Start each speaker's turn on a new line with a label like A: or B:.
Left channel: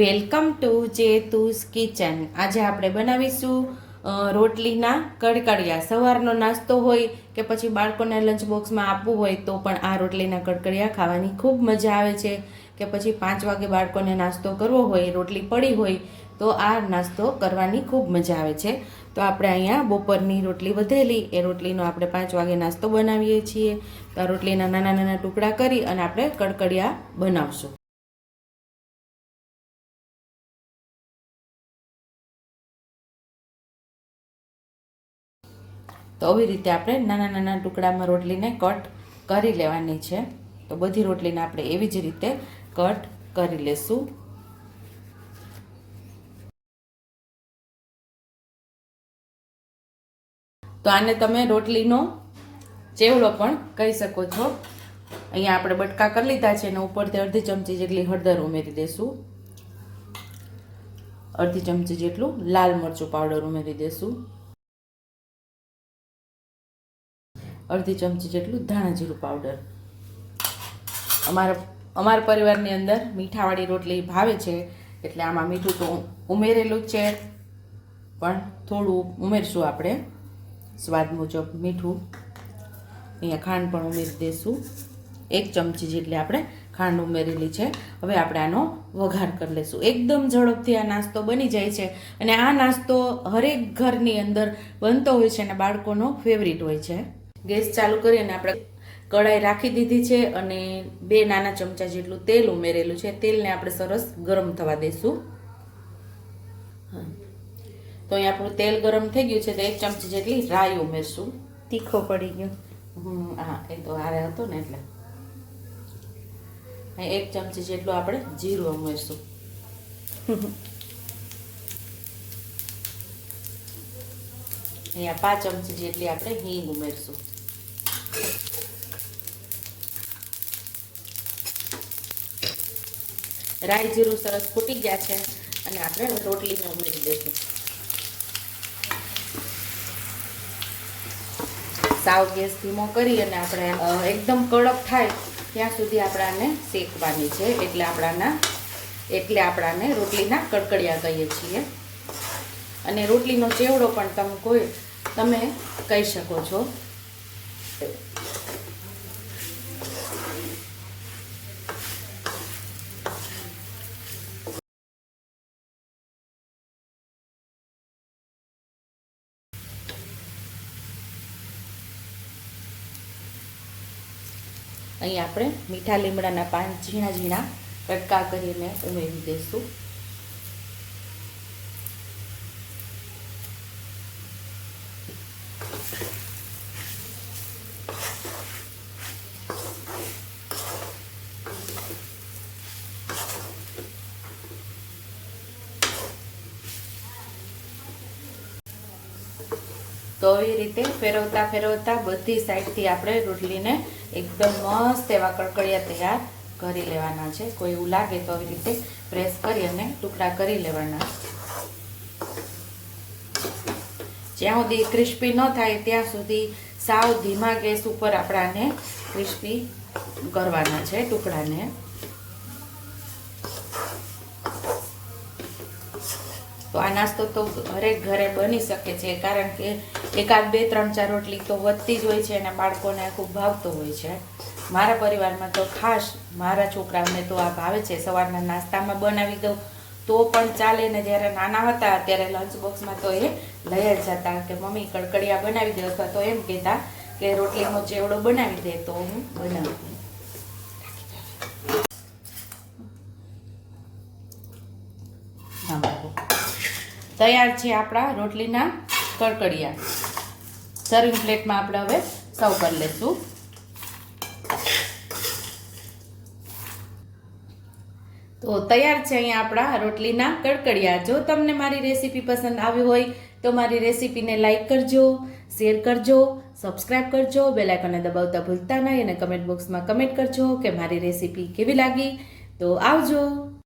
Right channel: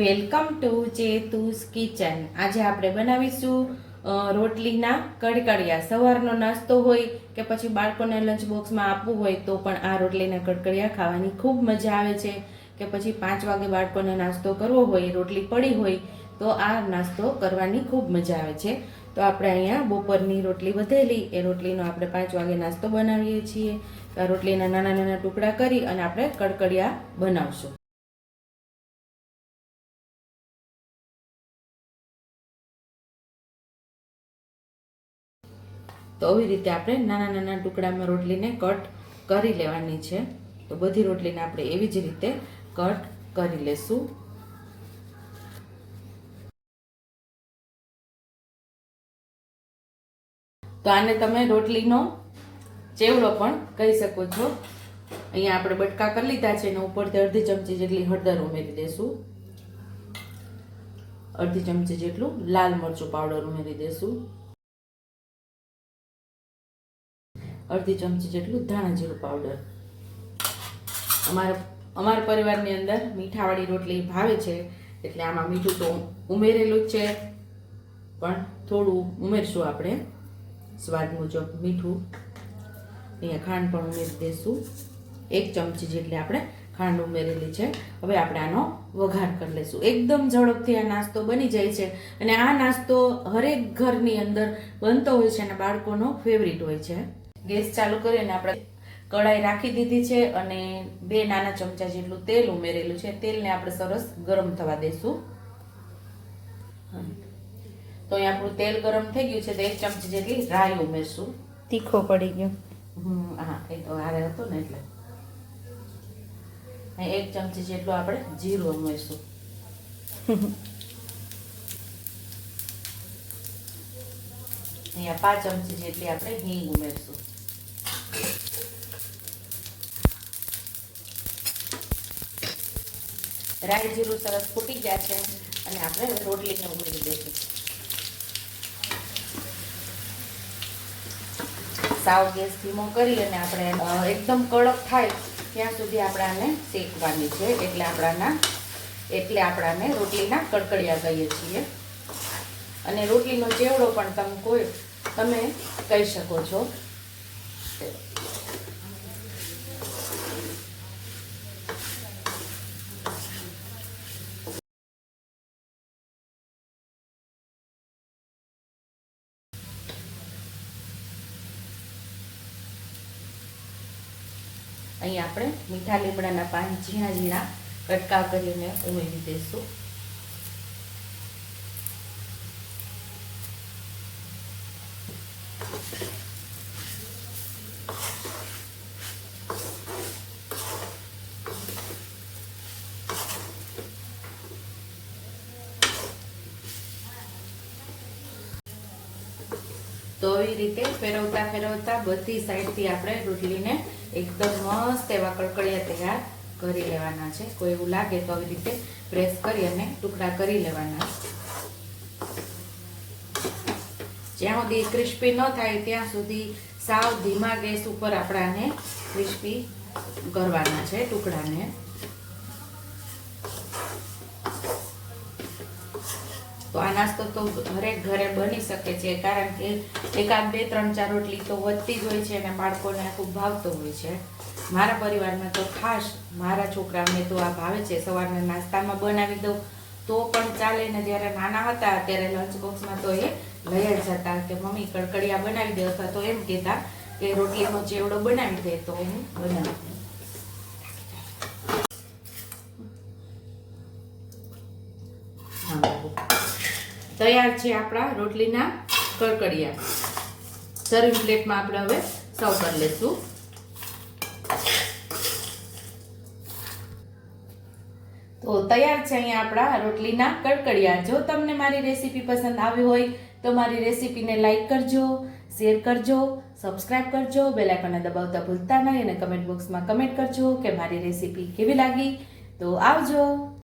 A: Welcome to જેતુસ kitchen. આજે આપણે બનાવીશું રોટલીના કડકડિયા. સવારનો નાસ્તો હોય કે પછી બાળકોને લંચ બોક્સમાં આપવું હોય તો પણ આ રોટલીના કડકડિયા ખાવાની ખૂબ મજા આવે છે. કે પછી પાંચ વાગે બાળકોને નાસ્તો કરવો હોય, રોટલી પડી હોય, તો આ નાસ્તો કરવાની ખૂબ મજા આવે છે. તો આપણે અહીંયા બપોરની રોટલી વધેલી. એ રોટલીનો આપણે પાંચ વાગે નાસ્તો બનાવીએ છીએ. રોટલીના નાના નાના ટુકડા કરી અને આપણે કડકડિયા બનાવશું. તો આવી રીતે આપણે નાના નાના ટુકડામાં રોટલીને કટ કરી લેવાની છે. તો બધી રોટલીને આપણે એવી જ રીતે કટ કરી લેશું. તો આને તમે રોટલીનો ચેવડો પણ કહી શકો છો. અહીંયા આપણે બટકા કરી લીધા છે અને ઉપરથી અડધી ચમચી જેટલી હળદર ઉમેરી દેશું. અડધી ચમચી જેટલું લાલ મરચું પાવડર ઉમેરી દેશું. અડધી ચમચી જેટલું ધાણા જીરું પાવડર અમારા અમારા પરિવારની અંદર મીઠાવાળી રોટલી ભાવે છે, એટલે આમાં મીઠું તો ઉમેરેલું જ છે. પણ થોડું ઉમેરશું આપણે. સ્વાદ મુજબ મીઠું. અહીંયા ખાંડ પણ ઉમેરી દઈશું એક ચમચી જેટલી આપણે ખાંડ ઉમેરેલી છે. હવે આપણે આનો વઘાર કરી લઈશું. એકદમ ઝડપથી આ નાસ્તો બની જાય છે. અને આ નાસ્તો હરેક ઘરની અંદર બનતો હોય છે અને બાળકોનો ફેવરિટ હોય છે. ગેસ ચાલુ કરી અને આપણે કઢાઈ રાખી દીધી છે અને બે નાના ચમચા જેટલું તેલ ઉમેરેલું છે. તેલને આપણે સરસ ગરમ થવા દઈશું તો અહીં આપણું તેલ ગરમ થઈ ગયું છે તો એક ચમચી જેટલી રાઈ ઉમેરશું.
B: તીખો પડી ગયો.
A: હમ, હા એ તો હારે હતો ને એટલે. એક ચમચી જેટલું આપણે જીરું ઉમેરશું. અહીંયા પાંચ ચમચી જેટલી આપણે હિંગ ઉમેરશું. રાઈ જીરું સરસ ફૂટી ગયા છે અને આપણે રોટલીને ઉમેરી દઈશું. સાવ ગેસ ધીમો કરી અને આપણે એકદમ કડક થાય ત્યાં સુધી આપણાને શેકવાની છે. એટલે આપણાના, એટલે આપણાને રોટલીના કડકડિયા કહીએ છીએ. અને રોટલીનો ચેવડો પણ તમે કોઈ, તમે કહી શકો છો. અહીં આપણે મીઠા લીમડાના પાન ઝીણા ઝીણા કટકા કરીને ઉમેરી દઈશું. તો આવી રીતે ફેરવતા ફેરવતા બધી સાઈડથી આપણે રોટલીને એકદમ મસ્ત એવા કડકડિયા તૈયાર કરી લેવાના છે. કોઈ એવું લાગે તો આવી રીતે પ્રેસ કરી અને ટુકડા કરી લેવાના. જ્યાં સુધી ક્રિસ્પી ન થાય ત્યાં સુધી સાવ ધીમા ગેસ ઉપર આપણાને ક્રિસ્પી કરવાના છે ટુકડાને. તો આ નાસ્તો તો હરેક ઘરે બની શકે છે, કારણ કે એકાદ બે, ત્રણ, ચાર રોટલી તો વધતી જ હોય છે અને બાળકોને ખૂબ ભાવતો હોય છે. મારા પરિવારમાં તો ખાસ મારા છોકરાઓને તો આ ભાવે છે, સવારના નાસ્તામાં બનાવી દઉં તો પણ ચાલે ને જ્યારે નાના હતા ત્યારે લંચ બોક્સમાં તો એ લઈ જતા કે મમ્મી કડકડિયા બનાવી દે અથવા તો એમ કહેતા કે રોટલીનો ચેવડો બનાવી દે તો હું બનાવું. તૈયાર છે આપણા રોટલીના કડકડિયા. સર્વિંગ પ્લેટમાં આપણે હવે સર્વ કરી લેશું. તો તૈયાર છે અહીંયા આપણા રોટલીના કડકડિયા. જો તમને મારી રેસીપી પસંદ આવી હોય તો મારી રેસીપીને લાઈક કરજો, શેર કરજો, સબસ્ક્રાઇબ કરજો બેલાઇકનને દબાવતા ભૂલતા નહીં અને કમેન્ટ બોક્સમાં કમેન્ટ કરજો કે મારી રેસીપી કેવી લાગી. તો આવજો.